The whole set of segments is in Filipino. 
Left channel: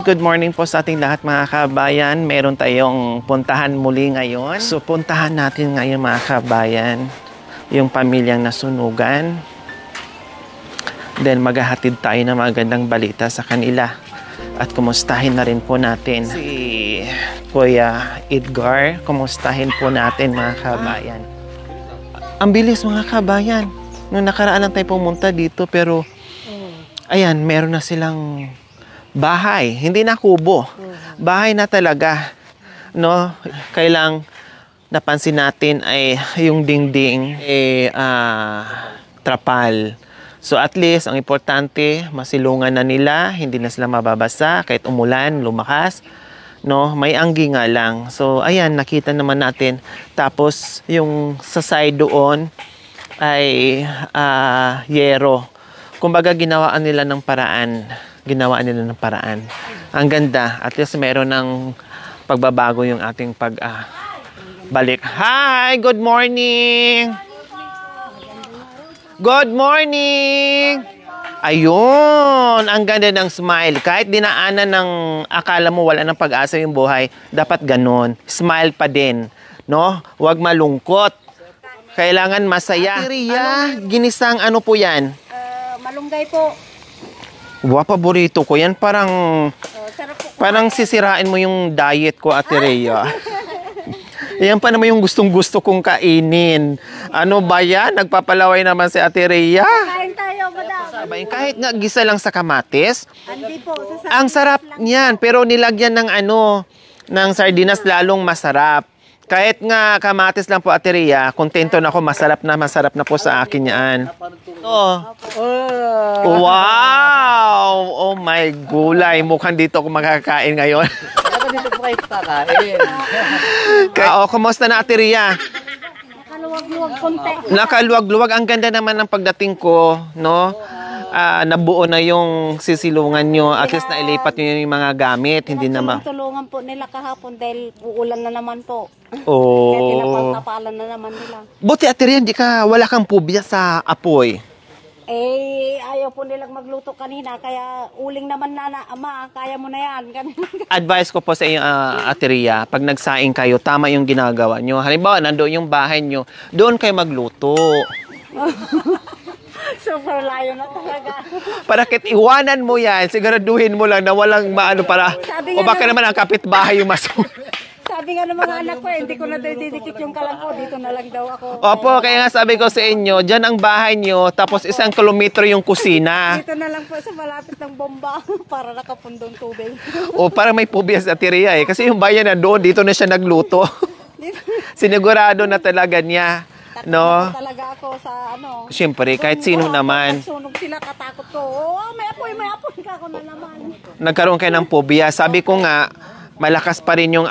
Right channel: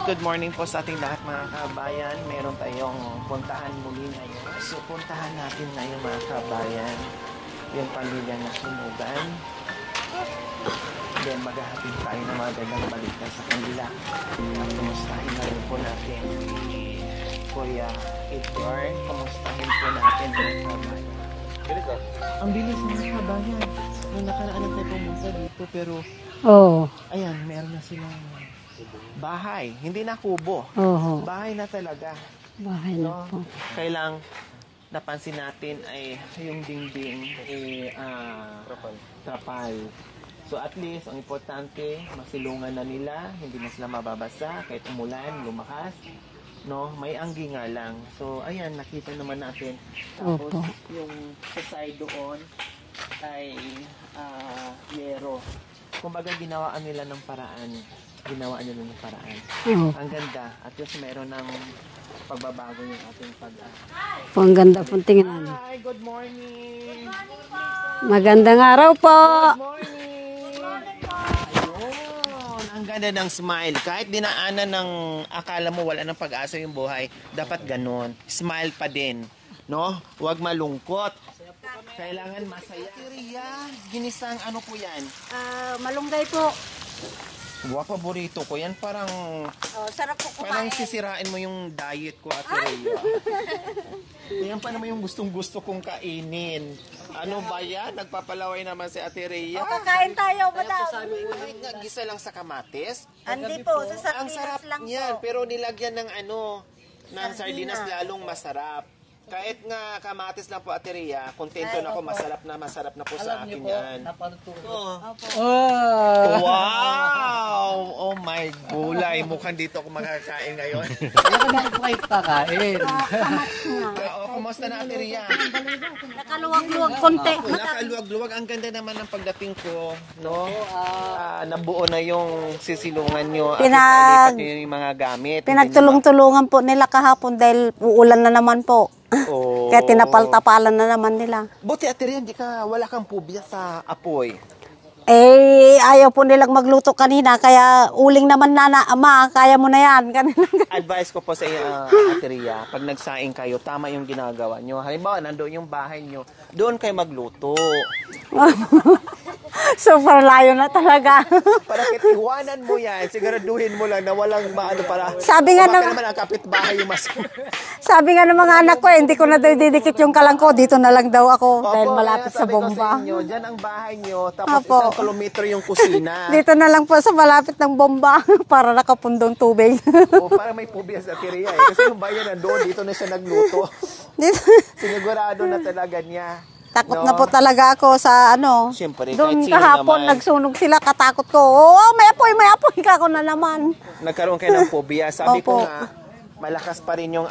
Good morning po sa ating lahat mga kabayan. Meron tayong puntahan muli ngayon. So puntahan natin ngayon mga kabayan yung pamilyang nasunugan. Then maghahatid tayo ng magandang balita sa kanila. At kumustahin na rin po natin si Kuya Edgar. Kumustahin po natin mga kabayan. Ang bilis mga kabayan. Noong nakaraan lang tayo pumunta dito pero ayan, meron na silang bahay. Hindi na kubo. Bahay na talaga. No? Kailang napansin natin ay yung dingding trapal. So at least, ang importante, masilungan na nila. Hindi na sila mababasa kahit umulan, lumakas. No, may anggi nga lang. So ayan, nakita naman natin. Tapos yung sa side doon ay yero. Kumbaga ginawaan nila ng paraan. Ang ganda. At least meron ng pagbabago yung ating balik. Hi, good morning. Magandang araw po. Good morning. Ayun, ang ganda ng smile. Kahit dinaanan ng akala mo wala ng pag-asa yung buhay, dapat ganun. Smile pa din, no? Huwag malungkot. Kailangan masaya. Ria, ginisang ano po yan? Malunggay po. Wow, paborito ko yan. Parang Sarap po. parang sisirain mo yung diet ko, Ate Rhea. Yan pa naman yung gustong-gusto kong kainin. Ano ba yan? Nagpapalaway naman si Ate Rhea. Kain tayo, madam. Kahit nga gisa lang sa kamatis, Hindi po. ang sarap niyan. Pero nilagyan ng ng sardinas lalong masarap. Kahit nga kamatis lang po, Ate Rhea, kontento na ako, masarap na po sa akin yan. Wow! Oh my gulay, mukhang dito ako makakain ngayon. Kumusta na, Ate Rhea? Nakaluwag-luwag konti. Nakaluwag-luwag. Ang ganda naman ng pagdating ko, no? Nabuo na yung sisilungan nyo. At least nailipat nyo yung mga gamit. Pinagtulong-tulungan po nila kahapon dahil uulan na naman po. Oh. Kaya tinapal-tapalan na naman nila. Buti, Ate Rhea, wala kang pubya sa apoy. Ayaw po nilang magluto kanina, kaya uling naman ama, kaya mo na yan. Advice ko po sa inyo, Ate Rhea, pag nagsaing kayo, tama yung ginagawa nyo. Halimbawa, nandoon yung bahay nyo, doon kayo magluto. Super layo na talaga. Para kahit iwanan mo yan, siguraduhin mo lang na walang maano para, Sabi o nga baka naman ang kapitbahay yung Sabi nga ng mga anak ko, hindi ko na daw didikit yung kalangko, dito na lang daw ako. Opo, kaya nga sabi ko sa inyo, dyan ang bahay nyo, tapos Opo. 1 kilometro yung kusina. Dito na lang po sa malapit ng bomba para nakapundong tubig. O parang may phobia sa Ate Rhea kasi yung bayan na doon, dito na siya nagluto. Sinigurado na talaga niya. Takot na po talaga ako sa Siyempre, Doon kahit sino kahapon, naman. nagsunog sila, katakot ko. May apoy ka ako na naman. Nagkaroon kayo ng phobia. Sabi ko nga, malakas pa rin yung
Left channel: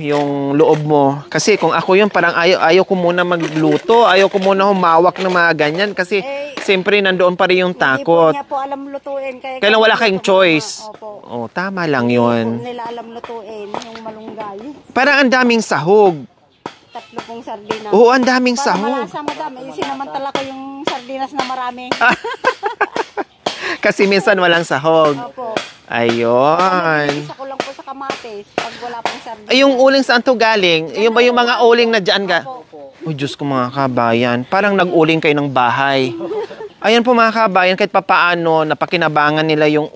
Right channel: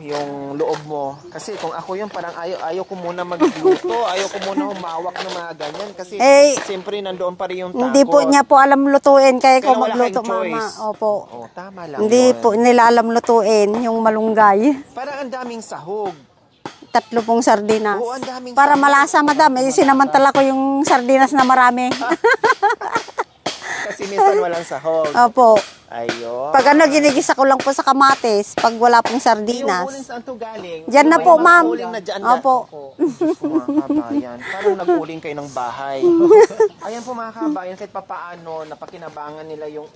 yung loob mo. Kasi kung ako yun, parang ayaw ko muna magluto. Ayaw ko muna humawak ng mga ganyan. Kasi siyempre nandoon pa rin yung takot. Hindi po niya po alam lutuin. Kaya wala kayong choice. Opo. Oh, tama lang Hindi yun. po nila alam lutuin yung malunggay. Parang ang daming sahog. 3 pong sardinas. Oo, ang daming Para sahog. malasa, madam. Sinamantala ko yung sardinas na marami. Kasi minsan walang sahog. Opo. Ayun. Pag ginigisa ko lang po sa kamatis, pag wala pong sardinas. Yung uling saan to galing? Yan Yung na ba po, yung mga ma'am. uling na dyan? Opo. Uy, Diyos ko mga kabayan. Parang nag-uling kayo ng bahay. Ayan po mga kabayan, kahit papaano, napakinabangan nila yung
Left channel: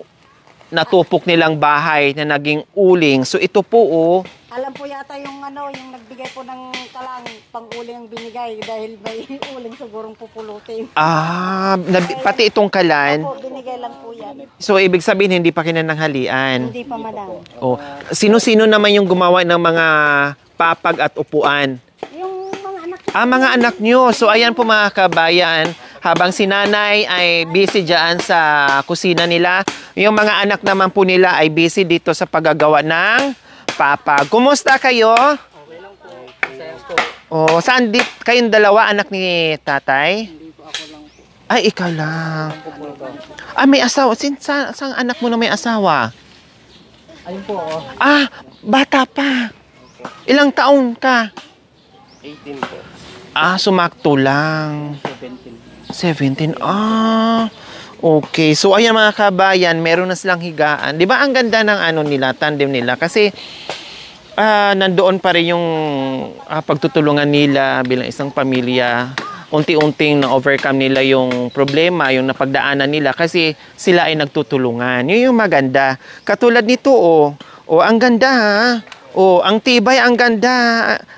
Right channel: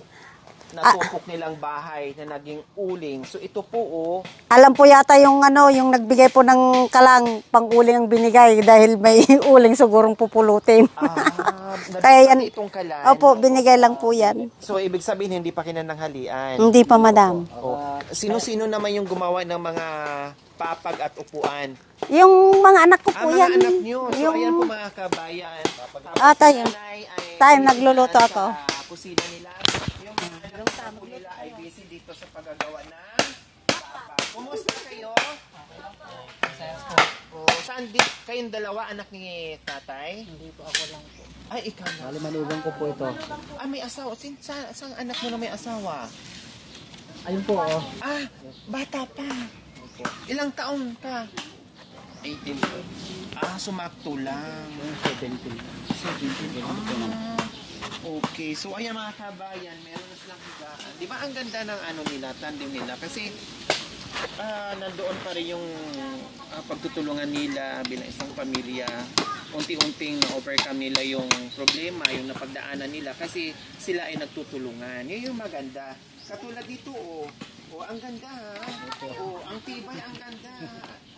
natupok nilang bahay na naging uling. So ito po, Alam po yata yung yung nagbigay po ng kalang pang-uling ang binigay dahil may uling sigurong pupulutin. pati itong kalan. Opo, binigay lang po yan. So ibig sabihin, hindi pa kinananghalian. Hindi pa, madam. Oh, sino-sino naman yung gumawa ng mga papag at upuan? Yung mga anak ko po Mga yan. anak nyo. So ayan po mga kabayan, habang si nanay ay busy dyan sa kusina nila, yung mga anak naman po nila ay busy dito sa paggagawa ng papag. Kumusta kayo? Okay lang po. Oh, saan kayong dalawa anak ni tatay? Hindi po, ako lang po. Ay, ikaw lang. May asawa. Saan anak mo na may asawa? Ayun po ako. Bata pa. Ilang taong ka? 18 po. Sumakto lang. 17. 17. Okay, so ayan mga kabayan, meron na silang higaan. Di ba ang ganda ng ano nila, tandem nila? Kasi nandoon pa rin yung pagtutulungan nila bilang isang pamilya. Unti-unting na-overcome nila yung problema, yung napagdaanan nila kasi sila ay nagtutulungan. Yun yung maganda. Katulad nito, ang ganda ha. Ang tibay, ang ganda.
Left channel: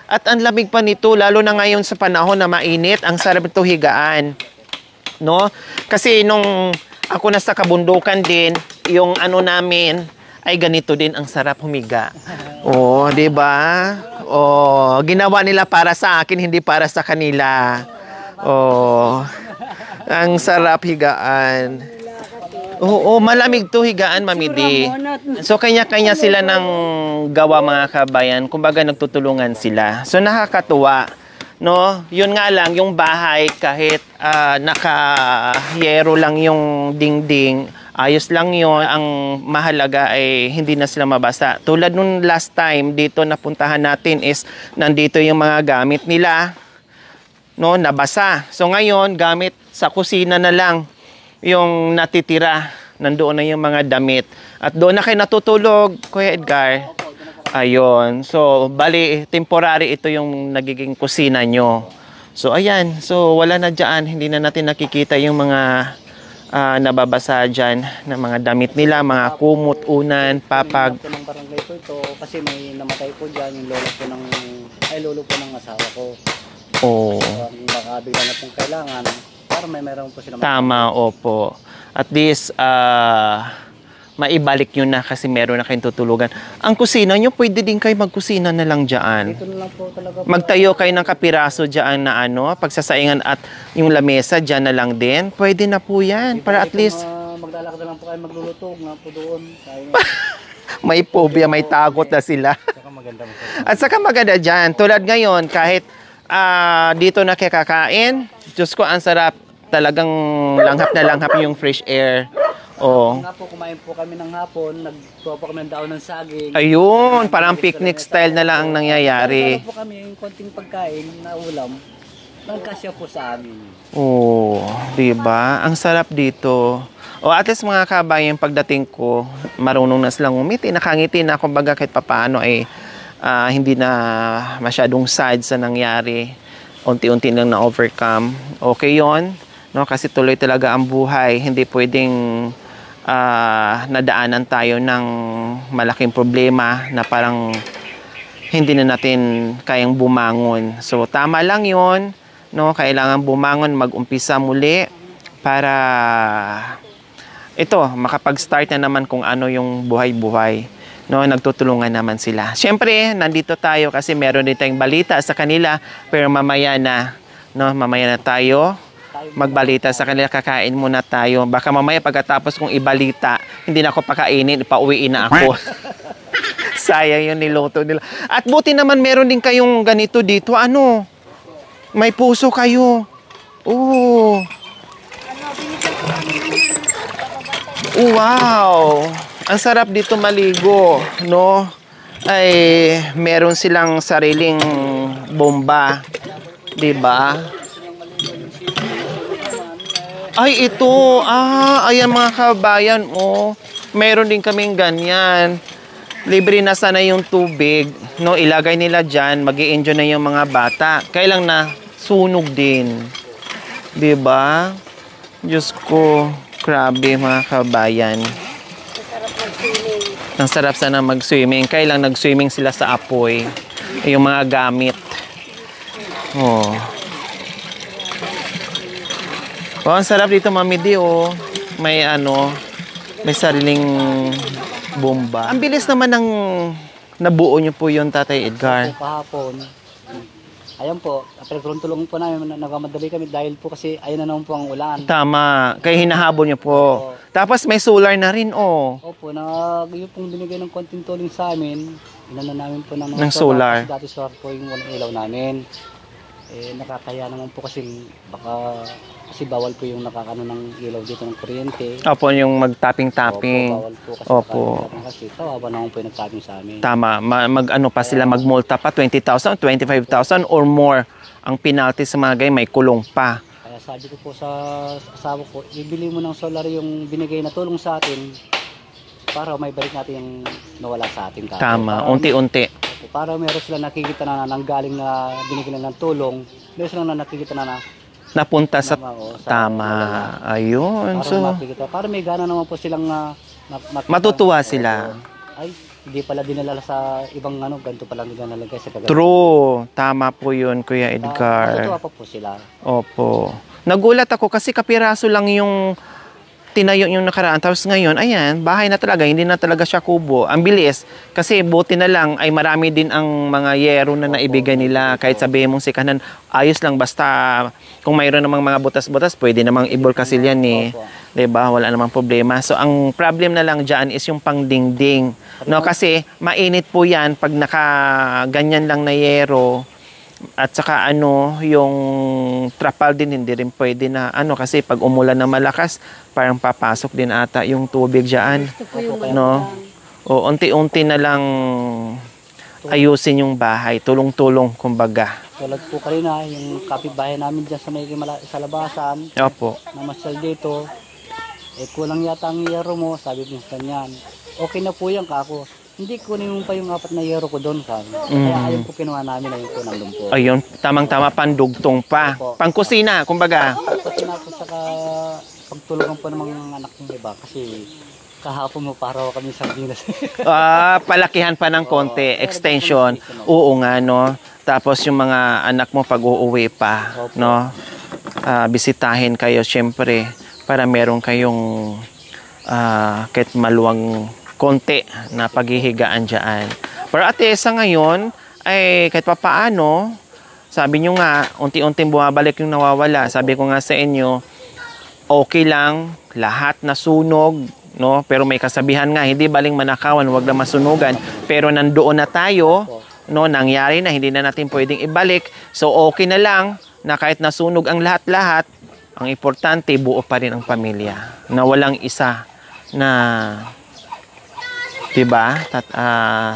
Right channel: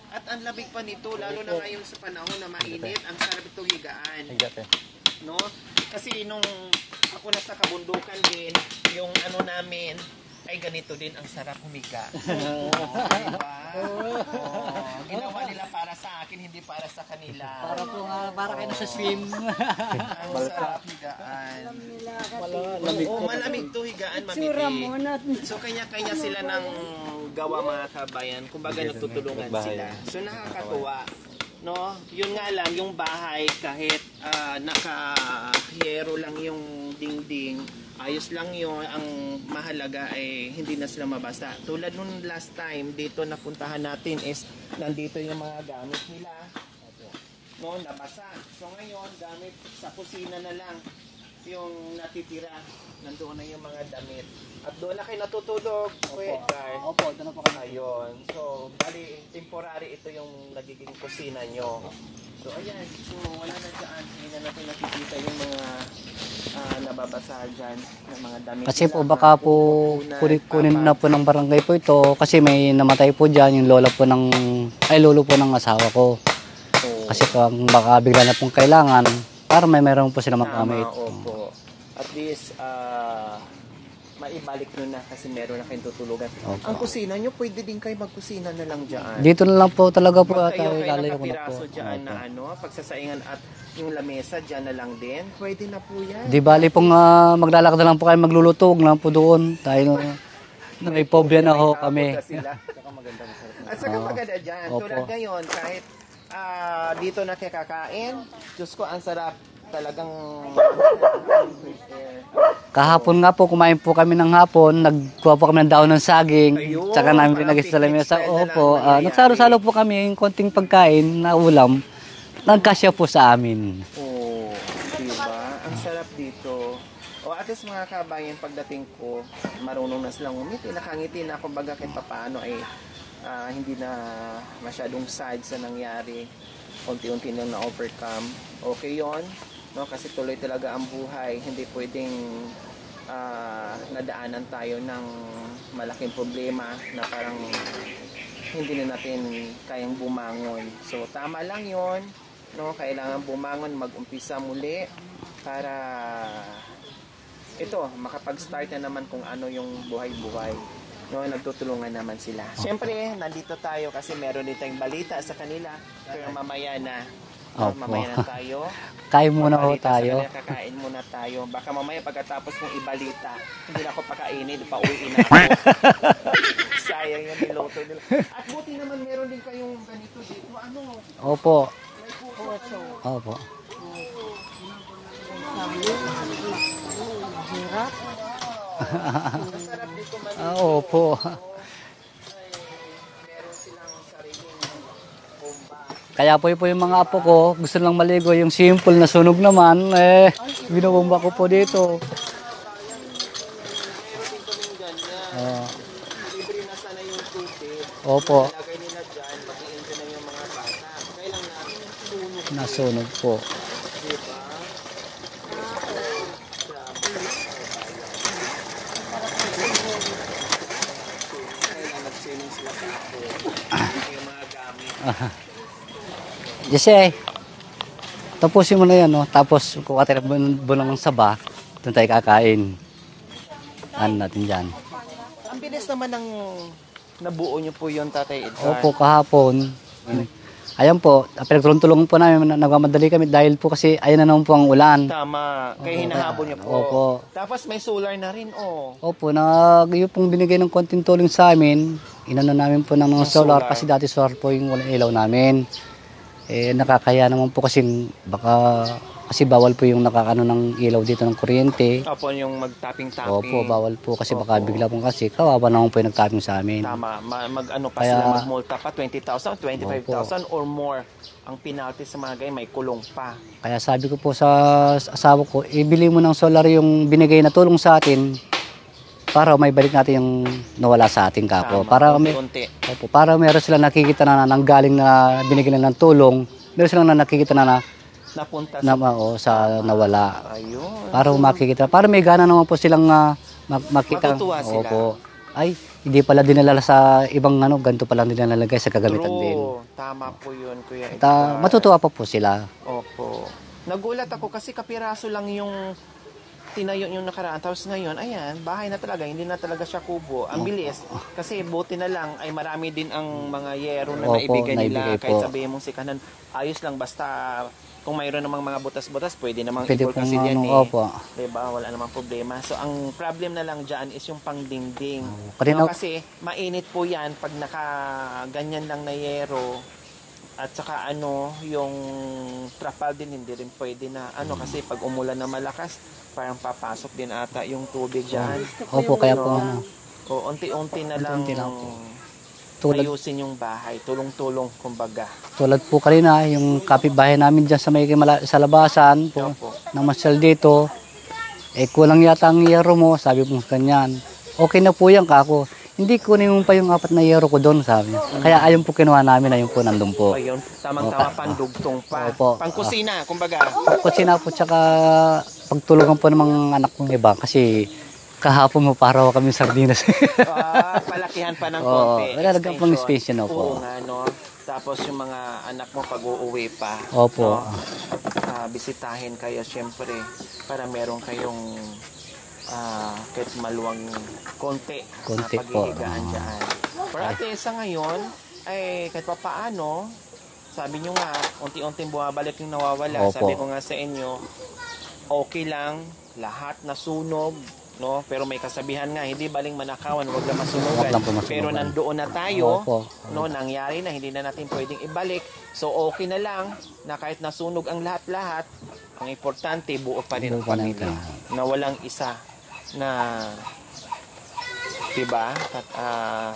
At ang lamig pa nito, lalo na ngayon sa panahon na mainit, ang sarap ito higaan. No? Kasi nung ako nasa kabundukan din, yung ano namin ay ganito din ang sarap humiga. Di ba? Ginawa nila para sa akin, hindi para sa kanila. Ang sarap higaan. Malamig to higaan, Mami Di. So kanya-kanya sila ng gawa mga kabayan, kumbaga nagtutulungan sila. So nakakatuwa. No, yun nga lang yung bahay kahit naka-yero lang yung dingding, ayos lang yun. Ang mahalaga ay hindi na sila mabasa. Tulad nung last time dito napuntahan natin is nandito yung mga gamit nila, no, nabasa. So ngayon gamit sa kusina na lang yung natitira. Nandoon na yung mga damit. At doon na kayo natutulog, Kuya Edgar. Ayun. So, bali, temporary ito yung nagiging kusina nyo. So, ayan. So, wala na dyan. Hindi na natin nakikita yung mga nababasa dyan na mga damit Kasi nila, po, mga baka po, kumot, unan, kunin na papag. po ng barangay po ito kasi may namatay po dyan yung lolo po ng asawa ko. Kasi po, baka bigla na pong kailangan para meron po sila Tama, opo. At least, maibalik nyo na kasi meron na kayong tutulugan. Ang kusina nyo, pwede din kayo magkusina na lang dyan. Dito na lang po talaga po. Magtayo kayo ng kapiraso dyan na pagsasaingan at yung lamesa dyan na lang din. Pwede na po yan. Di ba, po maglalakad na lang po kayo maglulutog lang po doon. Tayo may phobia, may tagot na sila. At saka maganda dyan. Tulad ngayon, kahit dito na kayo kakain, Diyos ko, ang sarap. Talagang langhap na langhap yung fresh air. Kahapon nga po, kumain po kami ng hapon, nagkuha po kami ng daon ng saging. Ayun, Tsaka namin parang nilagay sa picnic lamesa. style na lang ang nangyayari. Salo-salo po kami, yung konting pagkain na ulam, nagkasya po sa amin. Diba? Ang sarap dito. At least mga kabayan, pagdating ko, marunong na silang umiti, nakangiti na, kumbaga kahit papaano ay hindi na masyadong sad sa nangyari. Unti-unti lang na-overcome. Okay yon, no? Kasi tuloy talaga ang buhay. Hindi pwedeng nadaanan tayo ng malaking problema na parang hindi na natin kayang bumangon. So, tama lang yon, no? Kailangan bumangon, mag-umpisa muli para makapag-start na naman kung ano yung buhay-buhay. No, nagtutulungan naman sila. Siyempre, nandito tayo kasi meron din tayong balita sa kanila, pero mamaya na, no, mamaya na tayo magbalita sa kanila, kakain muna tayo. Baka mamaya pagkatapos kong ibalita, hindi na ako pakainin, pauwiin na ako. Sayang yung niluto nila. At buti naman meron din kayong ganito dito. Ano? Opo. May puso kayo. Opo. Wow! Ang sarap dito maligo, no? Ay, meron silang sariling bomba. Kaya po yung mga Diba? apo ko, gusto lang maligo yung simple na sunog naman. Ay, ito. Binubomba ko po dito. Ayan mga kabayan. Meron din kaming ganyan. Libre na sana yung tubig. Opo. No, ilagay nila dyan. Mag-i-enjoy na yung mga bata. Kailang na sunog din. Po. Diba? Diyos ko. Grabe mga kabayan. Ang sarap sana mag-swimming. Kailang nag-swimming sila sa apoy. Yung mga gamit. Kasi, tapusin mo na yan, no? Tapos, ang sarap dito, Mami Di, May may sariling bomba. Ang bilis naman ng nabuo niyo po yun, Tatay Edgar. Opo, kahapon. Ayan po, pinagtulong-tulungan po namin, nagmamadali kami dahil po kasi ayan na naman po ang ulan. Tama, kaya hinahabol niyo po. Opo. Tapos may solar na rin, Opo, yung pong binigay ng konting tulong sa amin, inano namin po ng Ng solar, solar. kasi dati solar po yung walang ilaw namin. Nakakaya naman po kasi bawal po yung nakakano ng ilaw dito ng kuryente. Opo, yung Opo, mag-tapping-tapping. bawal po kasi baka bigla po kasi kawawa naman po yung nagtapping sa amin. Tama, mag-ano pa sila, Kaya- magmulta pa, 20,000, 25,000 or more. Ang penalty sa mga ganyan, may kulong pa. Kaya sabi ko po sa asawa ko, ibili mo ng solar yung binigay na tulong sa atin para may balik natin yung nawala sa atin kako. Tama, Para, unti-unti. opo, para meron silang nakikita na nanggaling na binigyan na ng tulong, meron silang nakikita na Napunta sa sa tama. nawala. Ayun. Para So, makikita, para may gana naman po silang makita. Matutuwa Opo. sila. Ay, hindi pala dinala sa ibang ganito pala nilalagay sa kagamitan din. true. Tama po yun, Kuya Edgar. Matutuwa pa po sila. Opo. Nagulat ako kasi kapiraso lang yung tinayo yung nakaraan. Tapos ngayon, ayan, bahay na talaga. Hindi na talaga siya kubo. Ang bilis. Kasi buti na lang ay marami din ang mga yero na Opo, naibigay nila. naibigay Kahit po. sabihin mong si Kanan, ayos lang. Basta kung mayroon namang mga butas-butas, pwede namang Pwede ibulkasil yan eh. Opo. Diba? Wala namang problema. So, ang problem na lang dyan is yung pangdingding. Pati No, na- kasi mainit po yan pag nakaganyan lang na yero. At saka yung trapal din hindi rin pwede na kasi pag umulan na malakas, parang papasok din ata yung tubig diyan. Opo, kaya No? po. O unti-unti na lang ayusin yung bahay, tulong-tulong kumbaga. Tulad po kanina, yung kapitbahay namin dyan sa sa labasan, Opo. namasyal dito, kulang yata ang yero mo, sabi mo kanyan. Okay na po yan kako. Hindi kunin mo pa yung 4 na yero ko doon, sabi. Kaya ayun po kinuha namin, ayun po nandun po. Ayun, tamang-tama pandugtong pa. Opo. Pangkusina, kumbaga. Kusina po tsaka pagtulungan po ng mga anak kong iba kasi kahapon mo para kami sardinas. Palakihan pa ng Oo, konti, meron extension. pong extension, opo. Oo nga, no? Tapos yung mga anak mo pag uuwi pa, Opo. no? Bisitahin kayo, syempre, para meron kayong kahit maluwang konti na Konti paghihigaan dyan. Pero ate, sa ngayon, ay kahit pa paano, sabi nyo nga, unti-unting bumabalik yung nawawala. Opo. Sabi ko nga sa inyo, okay lang, lahat nasunog, no? Pero may kasabihan nga, hindi baling manakawan, wag lang masunugan. Wag lang po masunugan. Pero nandoon na tayo, Opo. no? Nangyari na, hindi na natin pwedeng ibalik. So okay na lang na kahit nasunog ang lahat-lahat, ang importante, buo pa rin ang pamilya. Na walang isa na, diba,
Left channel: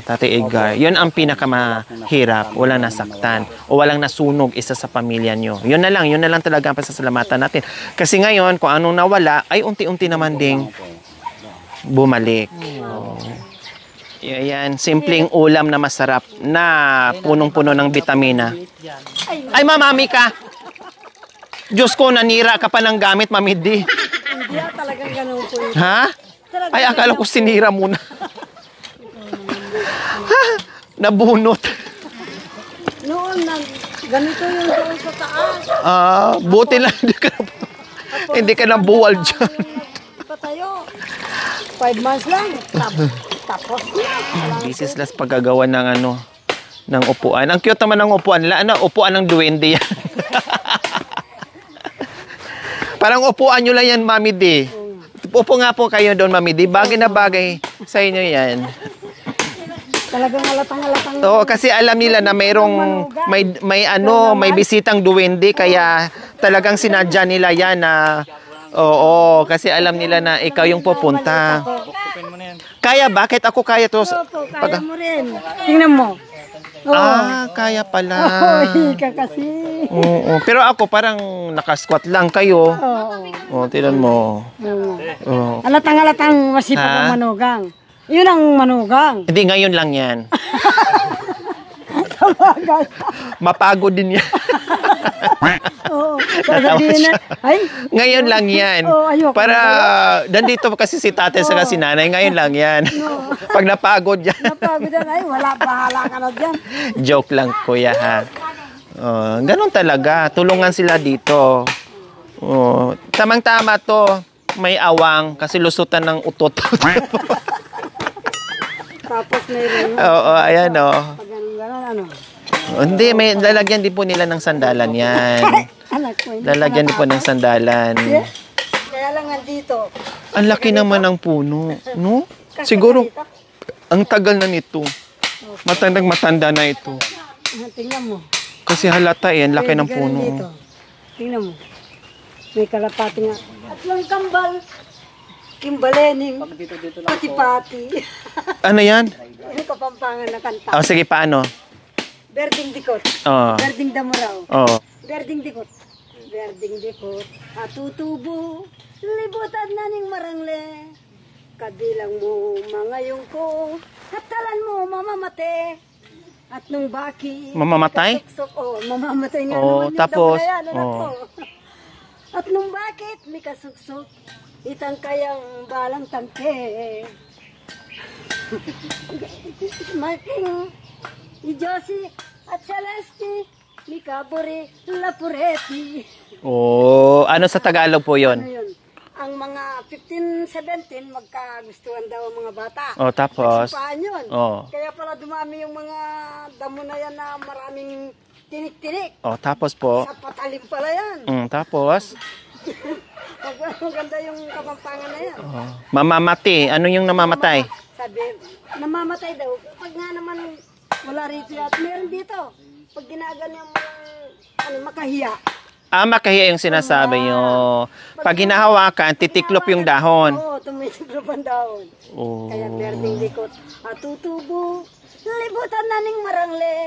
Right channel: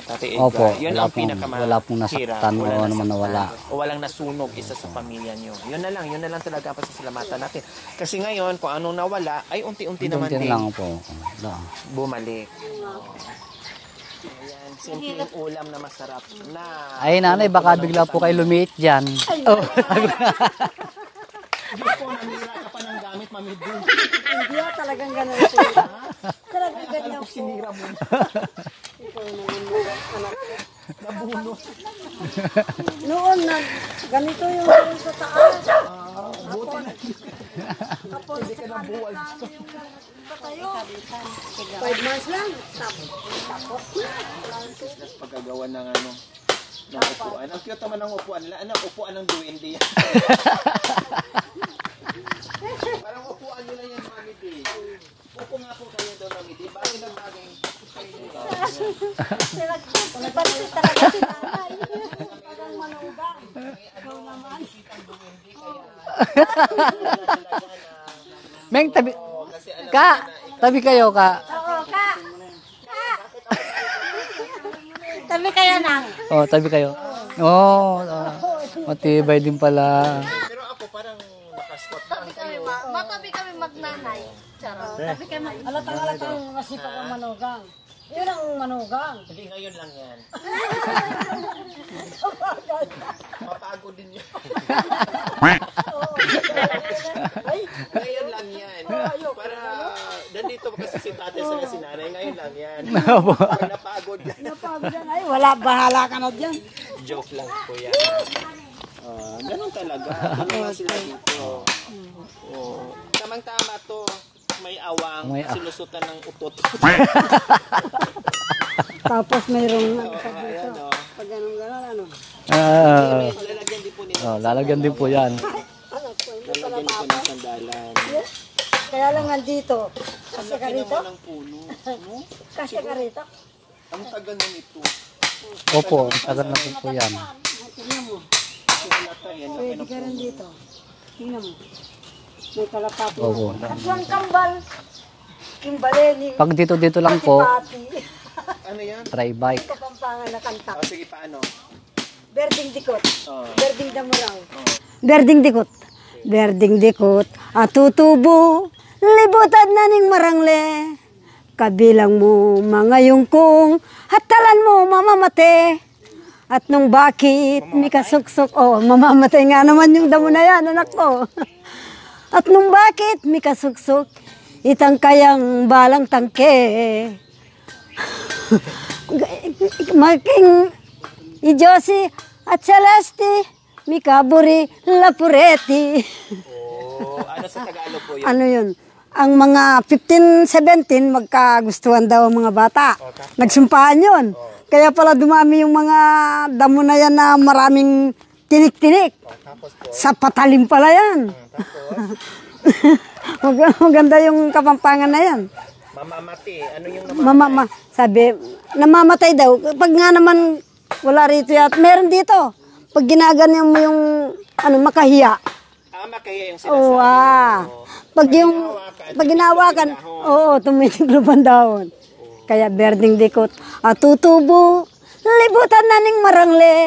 Tate Edgar? Opo. Yun ang Wala pong pinakamahirap. nasaktan, Walang wala namang nasaktan. nawala. O walang nasunog isa sa pamilya nyo. Yun na lang talaga ang pasasalamatan natin. Kasi ngayon, kung anong nawala, ay unti-unti naman Konti ding lang po. bumalik. Oh. Yan, simpleng ulam na masarap na Ay, nanay, punong-puno baka ng bigla po kayo vitamina. lumiit dyan. Ay, mamami ka! Diyos ko, nanira ka pa ng gamit, Mami D. Talagang ganun po. Ha? Ay, akala ko sinira muna. Nabunot. Noon, ganito yung doon sa taas. Buti lang hindi ka nabuwal dyan. Patayo. 5 months lang. Tapos na. This is last paggagawa ng ng upuan. Ang cute naman ng upuan. Upuan ng duwende yan. Parang upuan nyo lang yan, Mami D. Upo nga po kayo doon, Mami D. Bagay na bagay sa inyo yan. Talagang halatang-halatang. Oo, kasi alam nila na mayroong may bisitang duwende kaya talagang sinadya nila yan na oo, kasi alam nila na ikaw yung pupunta. Kaya bakit ako kaya to? Kaya mo rin. Tingnan mo. Oh, tabi kayo. Kaya pala. Tibay din pala. Oo, pero ako parang nakasquat lang kayo. Oh, tingnan mo. Oo. Halatang-halatang masipag Ha? ang manugang. Yun ang manugang. Hindi, ngayon lang yan. Mapagod din yan. Oo. Sasabihin na, ay, Ngayon lang yan. Oo, ayoko Para, nandito kasi si tatay saka si nanay, ngayon lang yan. Pag napagod yan. napagod na, ay, wala, bahala ka na dyan. Joke lang, kuya, ha? Ganun talaga. Tulungan sila dito. Tamang-tama to. May awang kasi lusutan ng utot. Tapos may rin. Oo, ayan, oh. Pag ganun-ganun, ano. Hindi, may lalagyan din po nila ng sandalan yan. Anak ko, hindi Lalagyan din po ng sandalan. Kaya lang nandito. Ang laki naman ng puno, no? Siguro, ang tagal na nito. Matanda na ito. Yan. Tingnan mo. Kasi halata eh, ang laki ng Ganun puno. dito. Tingnan mo. May kalapati na. At yung kambal. Kimbalening. Pag dito lang po, Antipati. Ano yan? try Hindi bike. ko pampangan na kanta. Sige, paano? Berding dikot. Oh. Berding damuraw. Oh. Berding dikot. berding dikot, at tutubo, libutan na ning marangle. Kabilang mo mga yungkong, hatalan mo mamamate. At nung bakit, Mamamatay? mikasuksok, mamamatay nga naman yung damo tapos? na yan, anak ko. At nung bakit, mikasuksok, itang kayang balang tangke. Making Ijosi at Celeste, Mikaburi, Lapureti. Oh, ano sa Tagalog po yun? Ano yun? Ang mga 15, 17, magkagustuhan daw ang mga bata. Oh, tapos? Nagsumpahan yun. Oh. Kaya pala dumami yung mga damo na yan na maraming tinik-tinik. Oh, tapos po? Sa patalim pala yan. Tapos? Maganda yung kapampangan na yan. Mamamati. Ano yung namamatay? Sabi, namamatay daw. Pag nga naman wala rito yat, meron dito. Pag ginaganyan mo yung makahiya. Makahiya yung sinasabi nyo. Pag hinahawakan, titiklop yung dahon. Oo, tumitiklop ang dahon. Oh. Kaya berding dikot. At tutubo, libutan na ning marangle.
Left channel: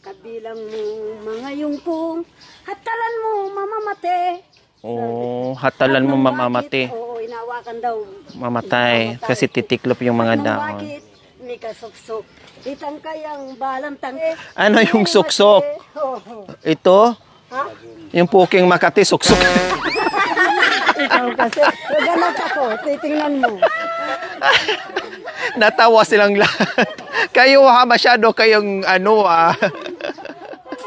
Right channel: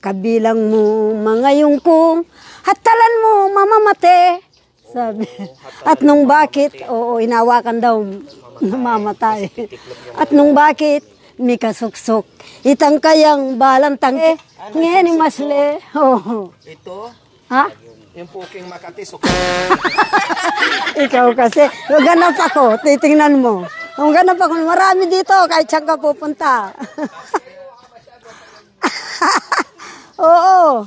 Kabilang mo mga yungkong, hatalan mo mamamate. Sabi. Hatalan At nung mo bakit, mamamati. hinawakan daw. Mamatay. Kasi titiklop yung mga At nung dahon. bakit, may kasuksok. Itang kayang balantang. Ano yung suksok? Oo. Ito? Ha? Yung puking Makati, suksok. Ikaw kasi, kung ganap ako, titingnan mo. Kung ganap ako, marami dito. Kahit saan Natawa ka silang pupunta. lahat. Kayo masyado kayong Oo.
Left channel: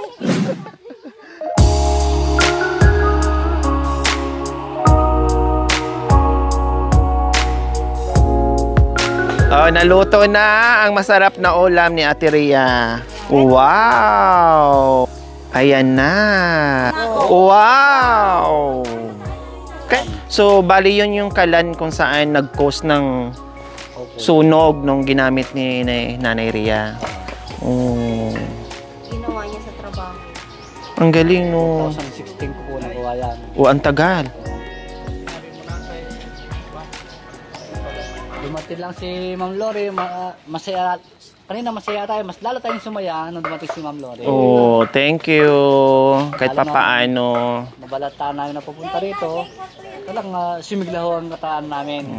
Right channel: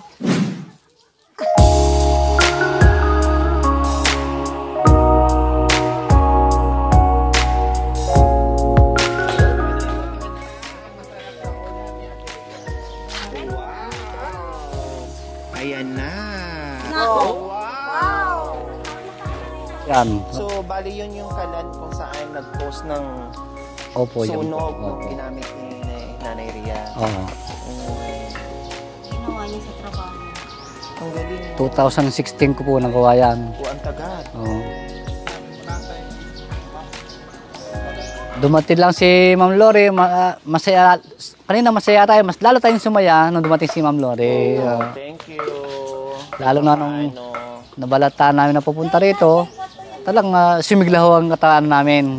Naluto na ang masarap na ulam ni Ate Rhea. Wow! Ayan na. Wow! So, bali yun yung kalan kung saan nag-cause ng Opo. sunog nung ginamit ni Nanay Rhea. Oh. Ginawa niya sa trabaho. Ang galing, no? 2016 ko po nagawa yan. Ang tagal. Dumating lang si Ma'am Lori, masaya, kanina masaya tayo, mas lalo tayong sumaya nung dumating si Ma'am Lori. Oh, thank you. Kahit Lalo na papaano. Nabalata namin na pupunta rito, talagang sumiglaho ang katawan namin.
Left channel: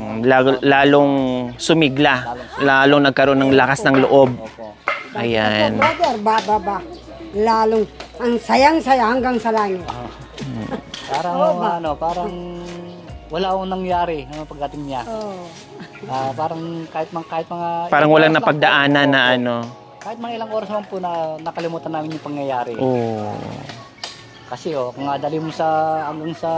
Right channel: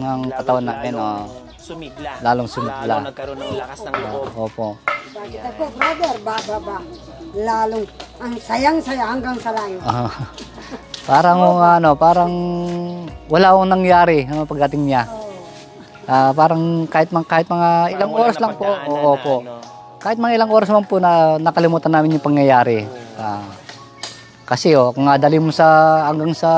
Lalong sumigla. Lalong sumigla. Lalong nagkaroon ng lakas ng loob. Opo. Ayan. Brother, ba. Lalong, ang sayang-saya hanggang sa langit. Parang parang wala akong nangyari pagdating niya. Parang kahit mga Parang ilang walang oras lang po. napagdaanan na Opo. Kahit mga ilang oras naman po na nakalimutan namin yung pangyayari. Kasi kung adali mo hanggang sa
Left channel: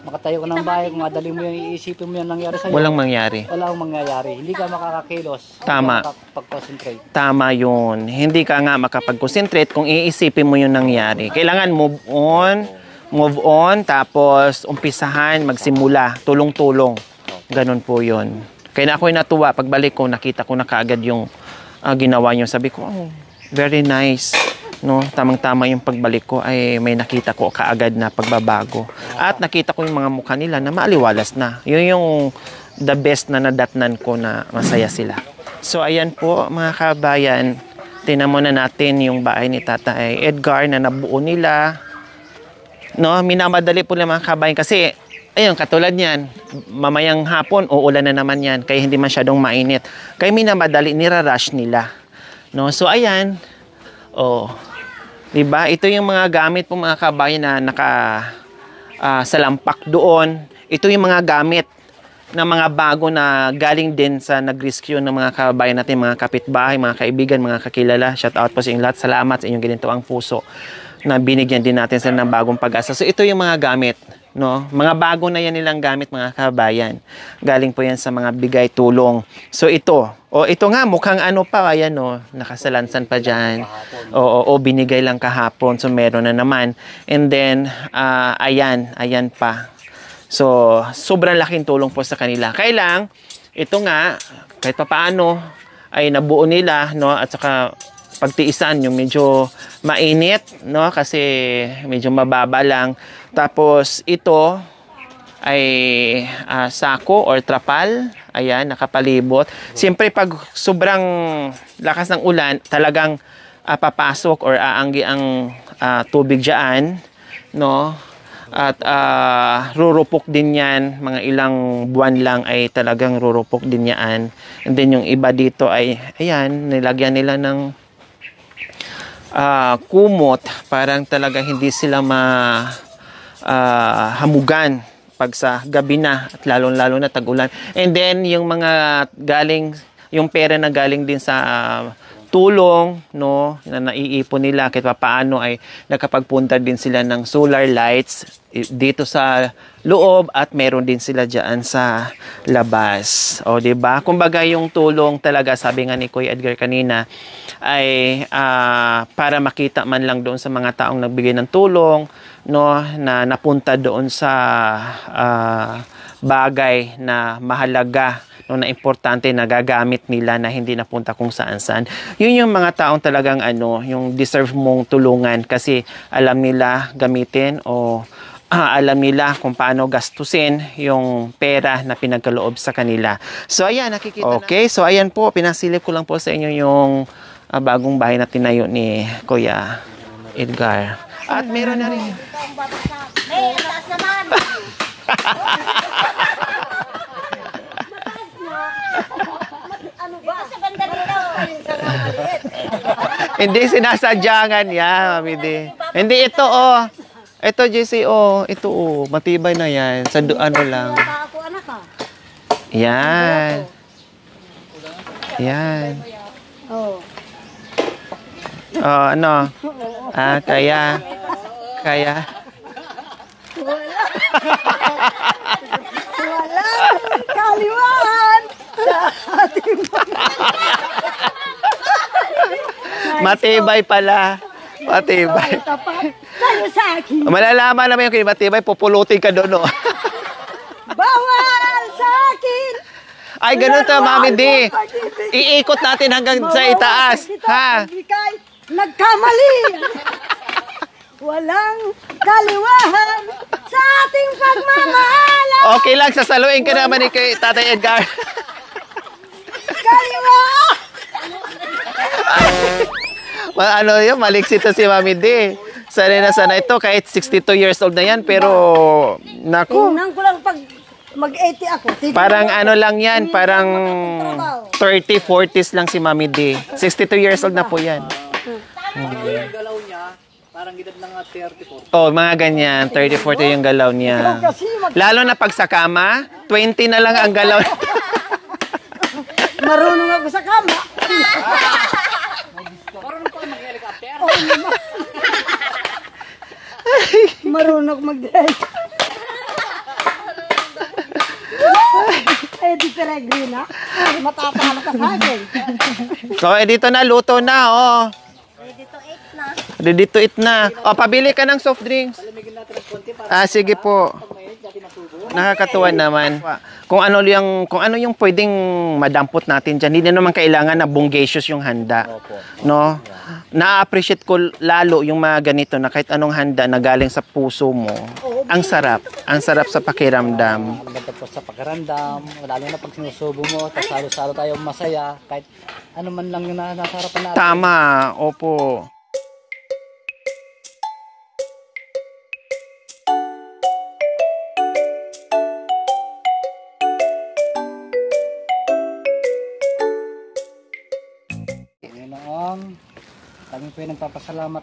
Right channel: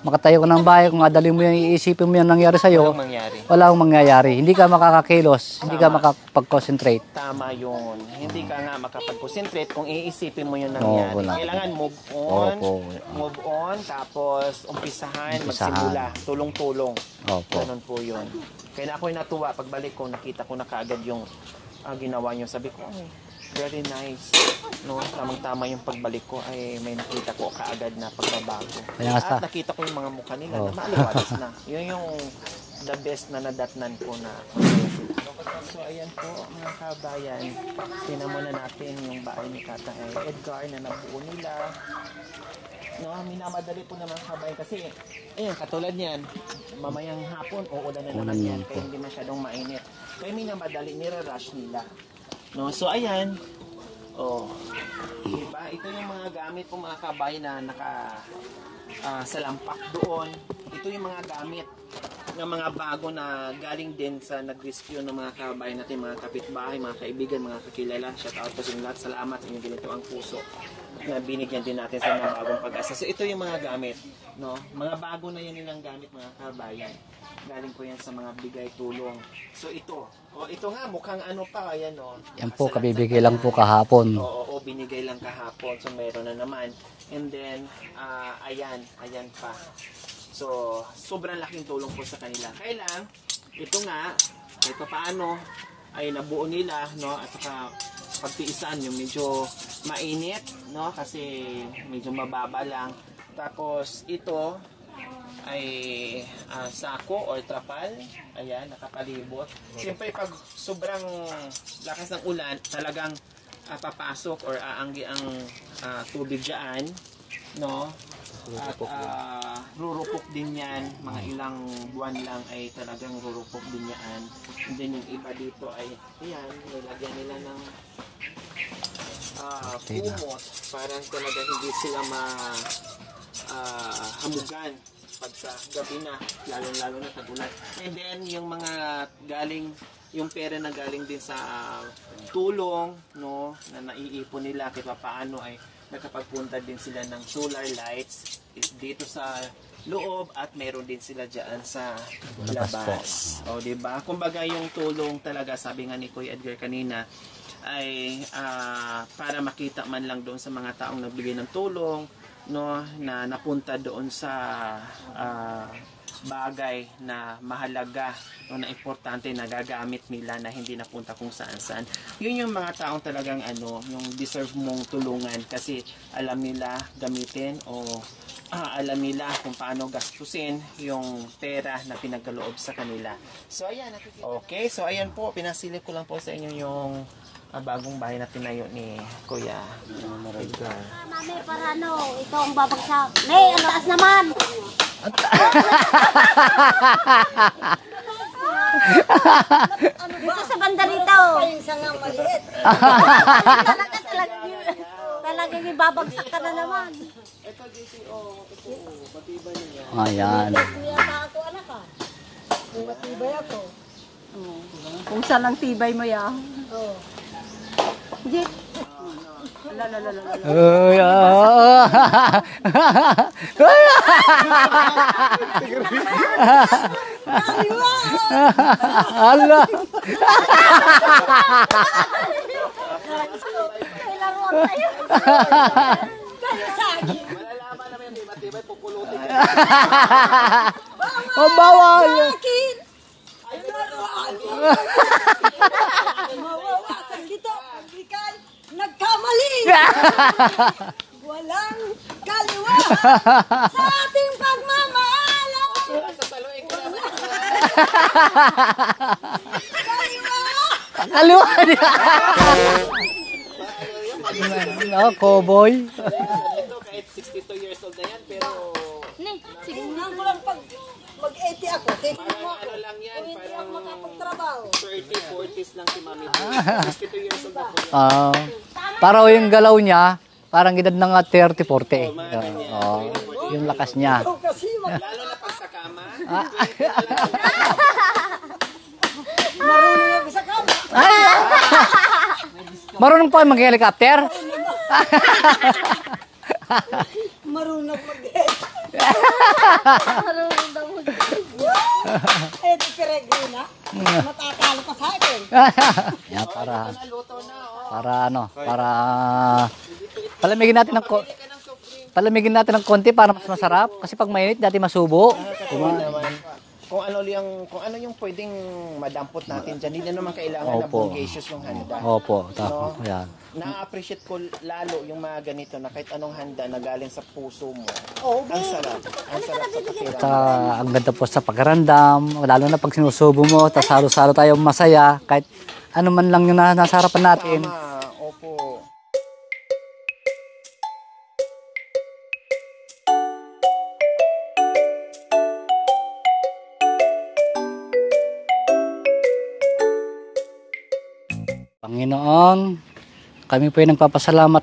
makatayo ka ng bahay, kung adali mo yung iisipin mo yung nangyari sa'yo, Walang mangyari. wala akong mangyayari. Hindi ka makakakilos, hindi ka Tama. makapag-concentrate. Tama yun. Hindi ka nga makapag-concentrate kung iisipin mo yung nangyari. Kailangan move on. Opo. Move on, tapos umpisahan, magsimula. Tulong-tulong. Opo. Ganun po yun. Kaya ako'y natuwa. Pagbalik ko, nakita ko na kaagad yung ginawa niyo. Sabi ko, very nice. No, tamang-tama yung pagbalik ko ay may nakita ko kaagad na pagbabago. At nakita ko yung mga mukha nila na maaliwalas na. Yun yung the best na nadatnan ko na masaya sila. So ayan po mga kabayan, tinan mo na natin yung bahay ni Tatay Edgar na nabuo nila. No, minamadali po lang mga kabayan kasi ayun, katulad niyan, mamayang hapon uulan na naman yan kaya hindi masyadong mainit. Kaya minamadali, nirarush nila. No, so ayan. Diba? Ito yung mga gamit po mga kabayan na salampak doon. Ito yung mga gamit na mga bago na galing din sa nag-rescue ng mga kabayan natin, mga kapitbahay, mga kaibigan, mga kakilala. Shout out po sa inyong lahat. Salamat sa inyong ginitawang puso na binigyan din natin sila ng bagong pag-asa. So ito yung mga gamit, no? Mga bago na yan nilang gamit mga kabayan. Galing po yan sa mga bigay tulong. So ito nga mukhang ano pa, ayan nakasalansan pa dyan. Binigay lang kahapon. So meron na naman. And then ayan pa. So sobrang laking tulong po sa kanila. Kailang ito nga kahit pa paano ay nabuo nila, no? At saka pagtiisan yung medyo mainit, no? Kasi medyo mababa lang. Tapos ito ay sako or trapal. Ayan, nakapalibot. Siyempre pag sobrang lakas ng ulan, talagang papasok or aanggi ang tubig diyan, no? At rurupok din yan, mga ilang buwan lang ay talagang rurupok din yan. And then yung iba dito ay, ayan, nilagyan nila ng kumot, parang talaga hindi sila hamugan pag sa gabi na at lalong-lalo na tag-ulan. And then yung mga yung pera na galing din sa tulong, no, na naiipon nila kahit paano ay nakapagpunta din sila ng solar lights dito sa loob at meron din sila diyan sa labas. O, di ba? Kumbaga yung tulong talaga, sabi nga ni Kuya Edgar kanina, ay para makita man lang doon sa mga taong nagbigay ng tulong, no, na napunta doon sa bagay na mahalaga, no, na importante na gagamit nila, na hindi napunta kung saan-saan. Yun yung mga taong talagang yung deserve mong tulungan kasi alam nila gamitin o alam nila kung paano gastusin yung pera na pinagkaloob sa kanila. So ayan, nakikita okay, so ayan po, pinasilip ko lang po sa inyo yung bagong bahay na tinayo ni Kuya Edgar. At meron na rin. Ito ang babagsak. Hey, ang taas naman! Dito sa banda rito. Hindi sinasadyangan yan, Mami D. Hindi, ito ito JC, ito matibay na yan. Sa ano lang. Ako anak ka. Yan. Kung sa matibay mo yan. Oo. Ano? Kaya. Matibay pala. Matibay. Malalaman naman yung matibay, pupulutin ka doon. No? Bawal sa akin! Ay, ganun to, Mami D. Iikot natin hanggang sa itaas. Ha? Nagkamali! Walang kaliwahan sa ating pagmamahal! Okay lang, sasaluin ka naman ni kay Tatay Edgar. Kaliwahan! Ano yun, maliksit to si Mami D. Sanay na sana ito, kahit 62 years old na yan, pero naku. Tingnan ko lang pag mag-80 ako. Parang ano lang yan, parang 30, 40s lang si Mami D. 62 years old na po yan. Para yung galaw niya, parang edad ng 30, 40. Oh, mga ganyan, 30, 40 yung galaw niya. Lalo na pag sa kama, 20 na lang ang galaw. Marunong ako sa kama. Marunong pa mag-helicopter? Marunong mag-dress. Eh, di peregrina. Matatalo ka sa akin. So, dito na, luto na, Para Ready to eat na. Palamigin natin ng Pabili ka ng soft drinks. palamigin natin ng konti para mas Sige masarap. po. Kasi pag mainit, dati masubo. Nakakatuwa naman. Kung ano yung pwedeng madampot natin diyan. Hindi na naman kailangan na bonggacious yung handa. Opo. No? Yeah. Na-appreciate ko lalo yung mga ganito na kahit anong handa na galing sa puso mo. Ang sarap. Ang sarap sa pakiramdam. Ang ganda po sa pagkarandam, lalo na pag sinusubo mo, tapos halo-halo tayo masaya, kahit ano man lang yung nasa harapan natin. Tama. Opo. Panginoon, kami po ay nagpapasalamat.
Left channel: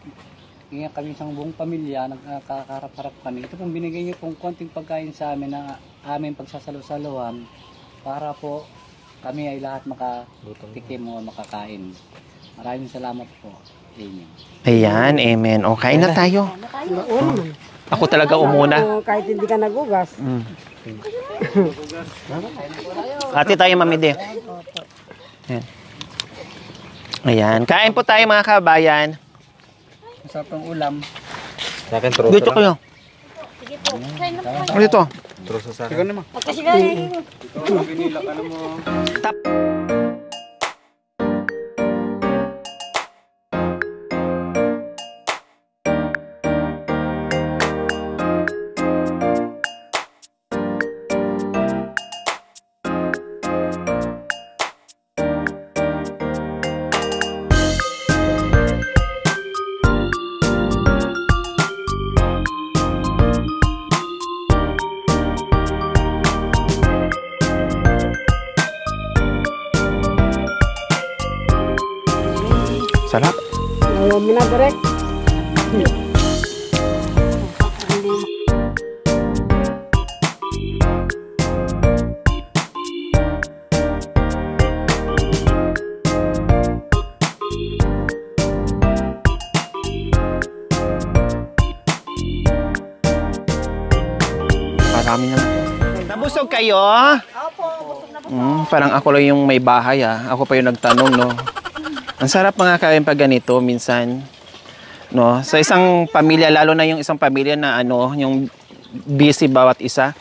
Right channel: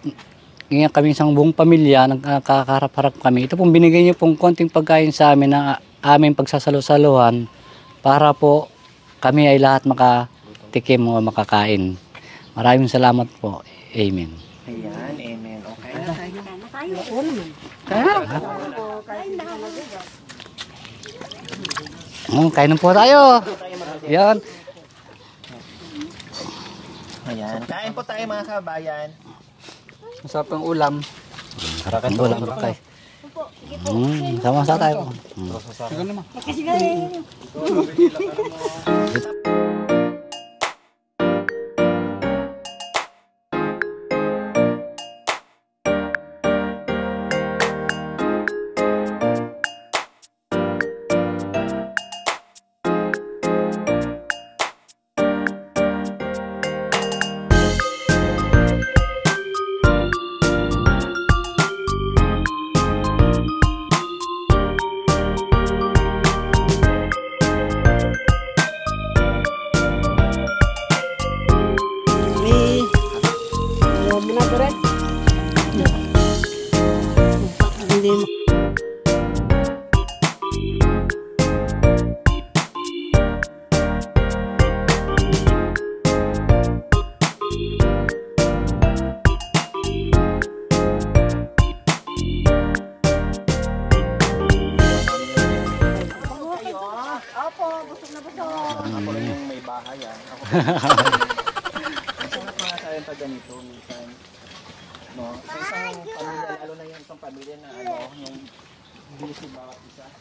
Ngayon kami isang buong pamilya, nagkakaharap-harap kami. Ito pong binigay niyo pong konting pagkain sa amin na aming pagsasalo-saluhan para po kami ay lahat makatikim o makakain. Maraming salamat po. Amen. Ayan, amen. O, kain na tayo. Ako talaga umuna. Kahit hindi ka nagugas. Kain na po tayo. Hati tayo, Mami D. Yan. Ayan. Kain po tayo, mga kabayan. Masarap ang ulam. Dito ko lang. Sama-sama. Dito. Busog kayo? Parang ako lang yung may bahay Ako pa yung nagtanong, no? Ang sarap mga kain pag ganito, minsan. No? Sa isang pamilya, lalo na yung isang pamilya na yung busy bawat isa.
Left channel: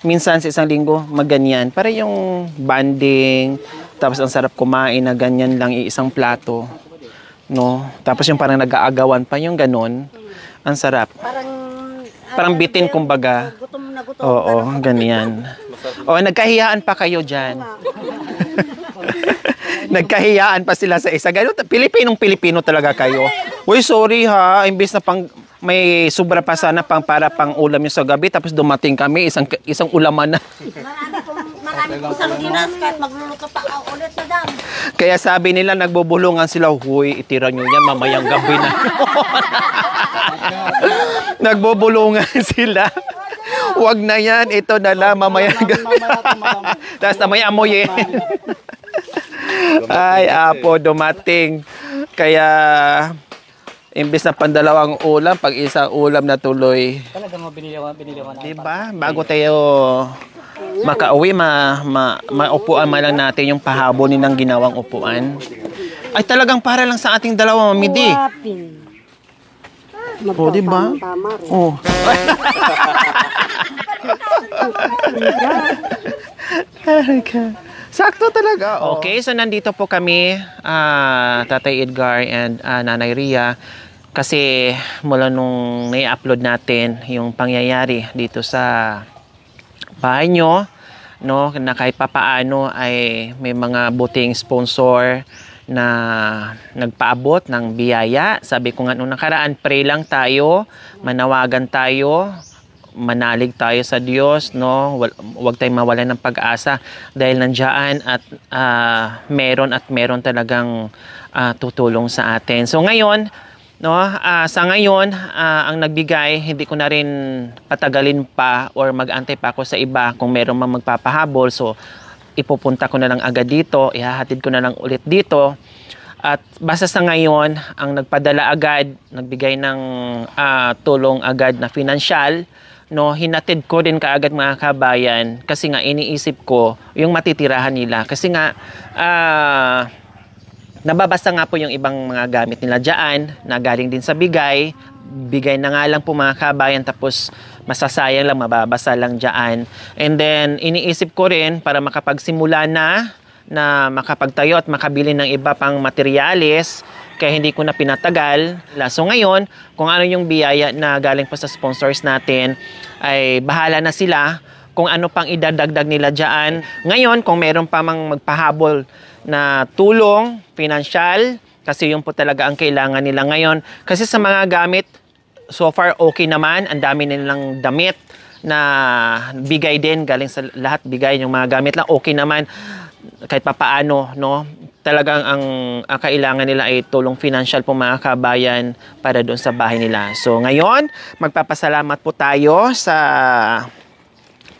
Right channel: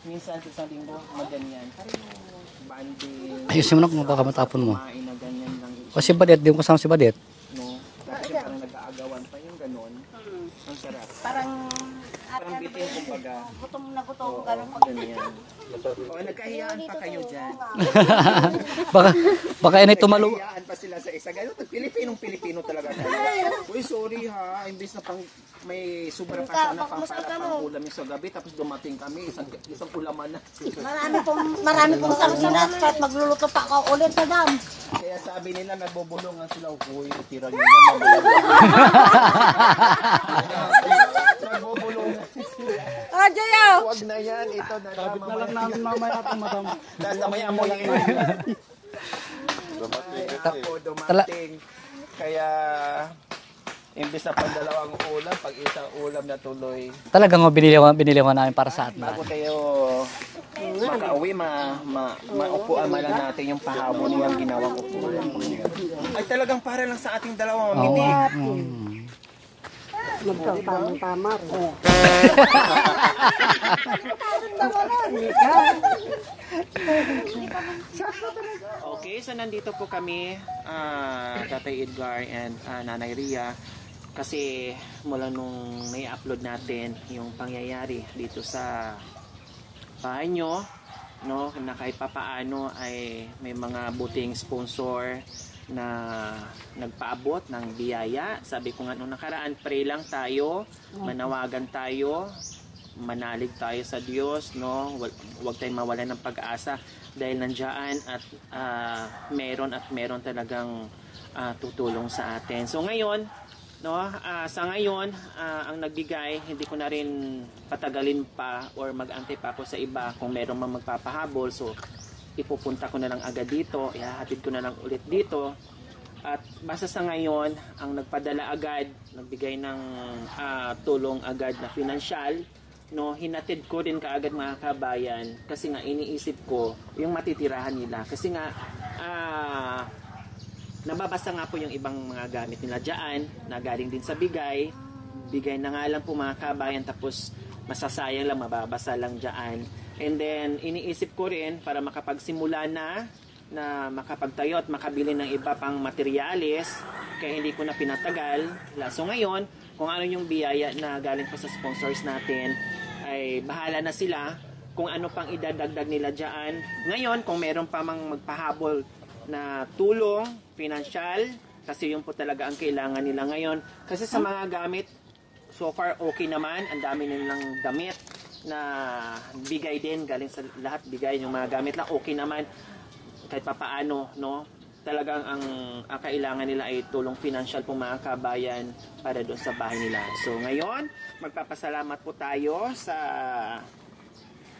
Minsan sa isang linggo, maganyan. Para yung banding, tapos ang sarap kumain na ganyan lang, isang plato. Di po si Badet. No? Tapos yung parang nag-aagawan pa yung ganon. Ang sarap. Parang bitin kumbaga. Oo, ganyan. Nagkahiyaan pa kayo dyan. Baka Nagkahiyaan pa sila sa isa. Ganun, Pilipinong-Pilipino talaga kayo. Uy, sorry ha. Imbis na may sobra pa sana para pang ulam yung sa gabi. Tapos dumating kami, isang ulaman na. Marami pong salusunan kahit magluluto pa ako ulit, madam. Kaya sabi nila, nagbubulungan sila, huy, itira nyo yan mamayang gabi na. Nagbubulungan sila. Huwag na yan, ito na lang, mamayang gabi. Tapos na may amoy Ay, apo, dumating. Kaya, imbis na pandalawang ulam, pag isang ulam na tuloy. Talagang binili ko na Diba? para sa... Bago tayo makauwi, maupuan man lang natin yung pahabonin ng ginawang upuan. Ay talagang para lang sa ating dalawa, Mamidi. O, diba? Oh. Sakto talaga. Okay, so nandito po kami, Tatay Edgar and Nanay Ria. Kasi mula nung nai-upload natin yung pangyayari dito sa bahay nyo, no, na kahit papaano ay may mga buting sponsor na nagpaabot ng biyaya. Sabi ko nga nung nakaraan, pray lang tayo, manawagan tayo, manalig tayo sa Diyos, no? Huwag tayong mawalan ng pag-asa dahil nandiyan at meron talagang tutulong sa atin. So ngayon, no, sa ngayon, ang nagbigay, hindi ko na rin patagalin pa or mag-antay pa ako sa iba kung meron mang magpapahabol. So, ipupunta ko na lang agad dito, ihahatid ko na lang ulit dito. At basta sa ngayon, ang nagpadala agad, nagbigay ng tulong agad na financial, no, hinatid ko din kaagad mga kabayan kasi nga iniisip ko yung matitirahan nila. Kasi nga, nababasa nga po yung ibang mga gamit nila dyan na galing din sa bigay. Bigay na nga lang po mga kabayan tapos masasayang lang, mababasa lang dyan. And then iniisip ko rin para makapagsimula na makapagtayo at makabili ng iba pang materyales kaya hindi ko na pinatagal. So ngayon, kung ano yung biyaya na galing po sa sponsors natin ay bahala na sila kung ano pang idadagdag nila dyan. Ngayon, kung meron pa mang magpahabol na tulong, financial, kasi yun po talaga ang kailangan nila ngayon. Kasi sa mga gamit, so far okay naman, ang dami nilang damit na bigay din, galing sa lahat bigay yung mga gamit lang, okay naman, kahit papaano, no? Talagang ang kailangan nila ay tulong financial po mga kabayan para doon sa bahay nila. So ngayon, magpapasalamat po tayo sa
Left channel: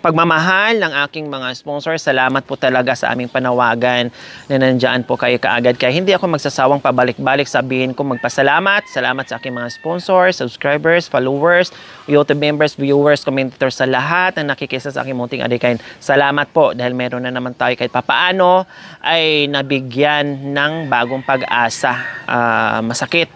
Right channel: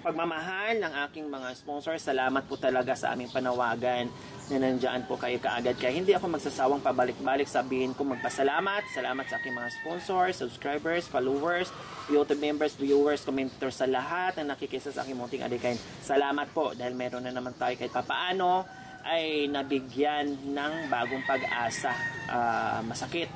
pagmamahal ng aking mga sponsors. Salamat po talaga sa aming panawagan na nandiyan po kayo kaagad. Kaya hindi ako magsasawang pabalik-balik sabihin ko magpasalamat. Salamat sa aking mga sponsors, subscribers, followers, YouTube members, viewers, commentators sa lahat na nakikisa sa aking munting adikain. Salamat po dahil meron na naman tayo kahit papaano ay nabigyan ng bagong pag-asa. Masakit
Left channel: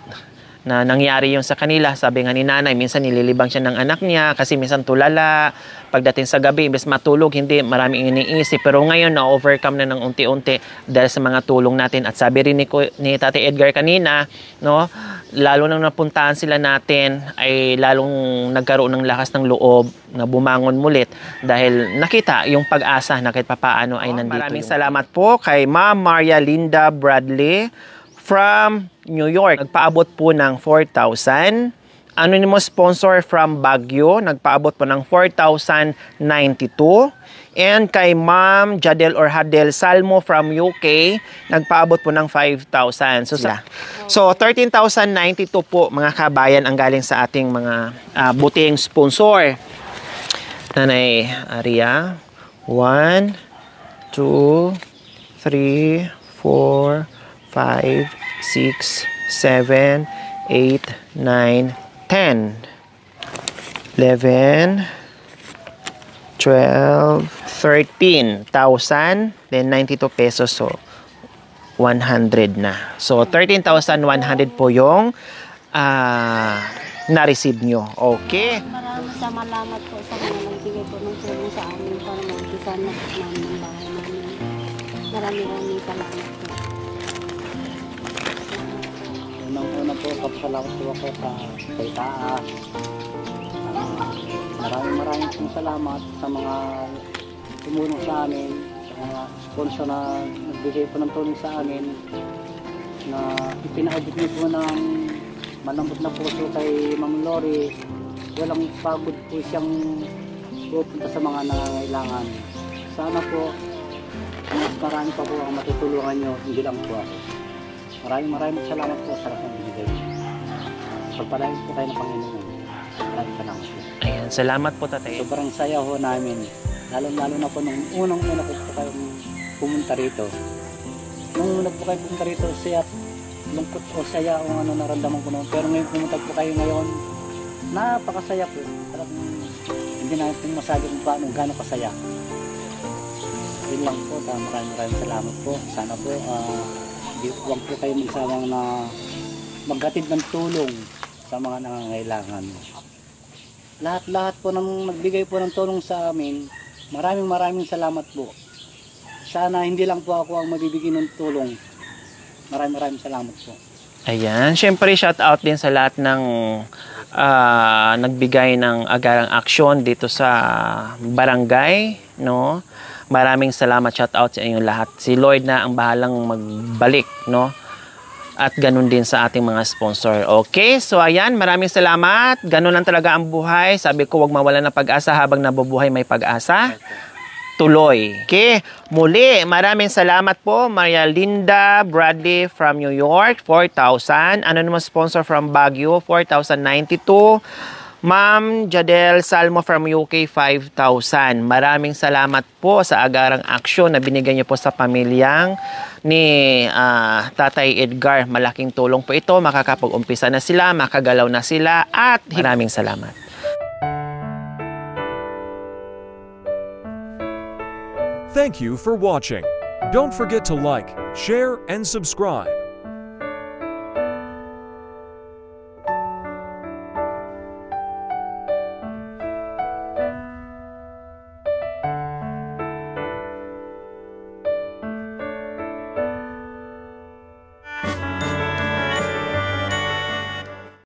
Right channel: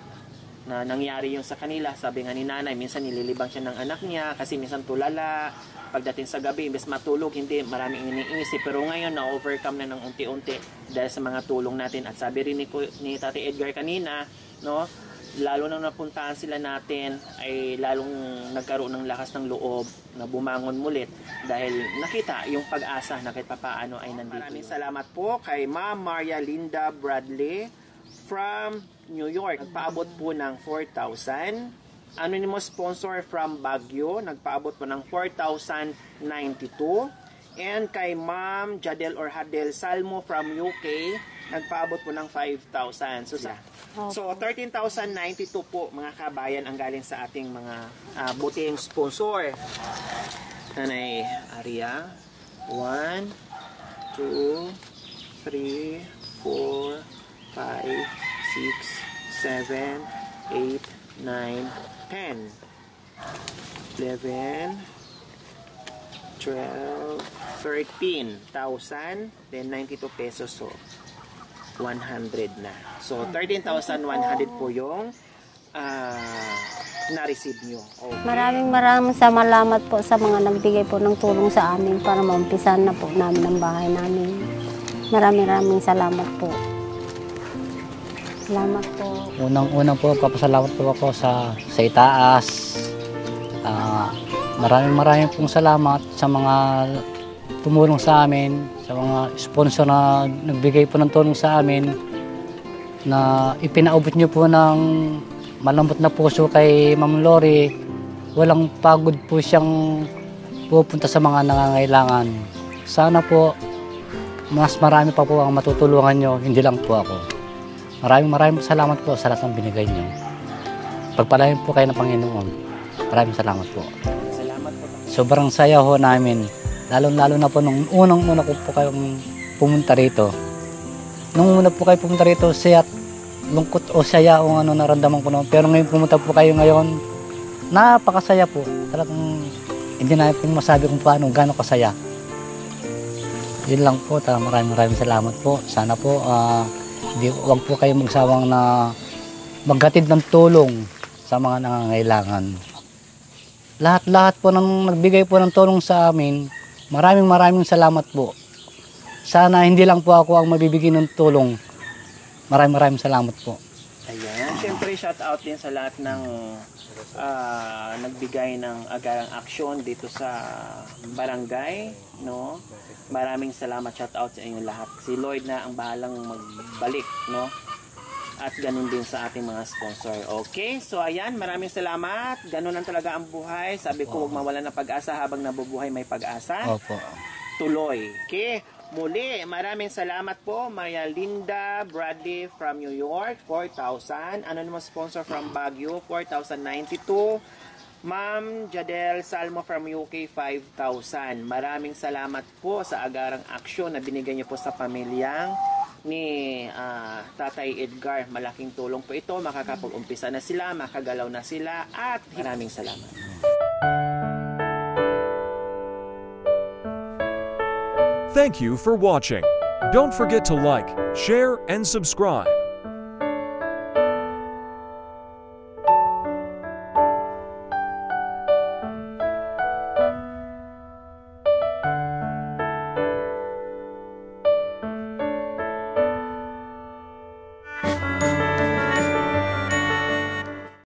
na nangyari yung sa kanila. Sabi nga ni nanay, minsan nililibang siya ng anak niya kasi minsan tulala. Pagdating sa gabi, imbes matulog, hindi, maraming iniisip. Pero ngayon, na-overcome na ng unti-unti dahil sa mga tulong natin. At sabi rin ni Tate Edgar kanina, no, lalo nang napuntahan sila natin, ay lalong nagkaroon ng lakas ng loob na bumangon mulit dahil nakita yung pag-asa na kahit papaano ay nandito. Maraming salamat po kay Ma'am Maria Linda Bradley from New York. Nagpaabot po ng 4,000. Anonymous sponsor from Baguio, nagpaabot po ng 4,092. And kay Ma'am Jadel or Hadel Salmo from UK, nagpaabot po ng 5,000. So 13,092 po mga kabayan ang galing sa ating mga buting sponsor. Nanay Aria, 1, 2, 3, 4, 5, 6, 7, 8, 9, 10, 11, 12, 12, 13,000, then 92 pesos, so 100 na. So, 13,100 po yung na-receive nyo. Okay? Maraming salamat po sa mga nagbigay po ng tulong sa amin para maumpisan na po namin ang bahay namin. Maraming salamat po. Salamat po. Unang-unang po, papasalamat po ako sa itaas. Maraming pong salamat sa mga tumulong sa amin, sa mga sponsor na nagbigay po ng tulong sa amin, na ipinaubot niyo po ng malambot na puso kay Ma'am Lori. Walang pagod po siyang pupunta sa mga nangangailangan. Sana po, mas marami pa po ang matutulungan niyo, hindi lang po ako. Maraming salamat po sa lahat ng binigay niyo. Pagpalain po kayo ng Panginoon. Maraming salamat po. Ayan, salamat po, tatay. Sobrang saya ho namin. Lalo na po nung unang-una po kayong pumunta rito. Nung una po kayo pumunta rito, siya lungkot o saya o ano naramdaman ko noon. Pero ngayon pumunta po kayo ngayon, napakasaya po. Talagang hindi na po masabi kung paano, gano'ng kasaya. Yun lang po. Maraming salamat po. Sana po, huwag po kayo magsawang na maghatid ng tulong sa mga nangangailangan. Lahat po nang nagbigay po ng tulong sa amin, maraming salamat po. Sana hindi lang po ako ang mabibigyan ng tulong. Maraming salamat po. Ayan, syempre shout out din sa lahat ng nagbigay ng agarang aksyon dito sa barangay, no? Maraming salamat, shout out sa inyong lahat. Si Lord na ang bahalang magbalik, no? At ganun din sa ating mga sponsor. Okay, so ayan, maraming salamat. Ganun lang talaga ang buhay. Sabi ko, wag mawala ng pag-asa, habang nabubuhay may pag-asa. Opo. Tuloy. Okay, muli, maraming salamat po. Maria Linda Bradley from New York, 4,000. Anonymous sponsor from Baguio, 4,092. Ma'am Jadel Salmo from UK, 5,000. Maraming salamat po sa agarang aksyon na binigay niyo po sa pamilyang ni Tatay Edgar. Malaking tulong po ito. Makakapag-umpisa na sila, makagalaw na sila, at maraming salamat. Thank you for watching. Don't forget to like, share, and subscribe.